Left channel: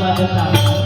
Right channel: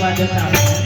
বাজনা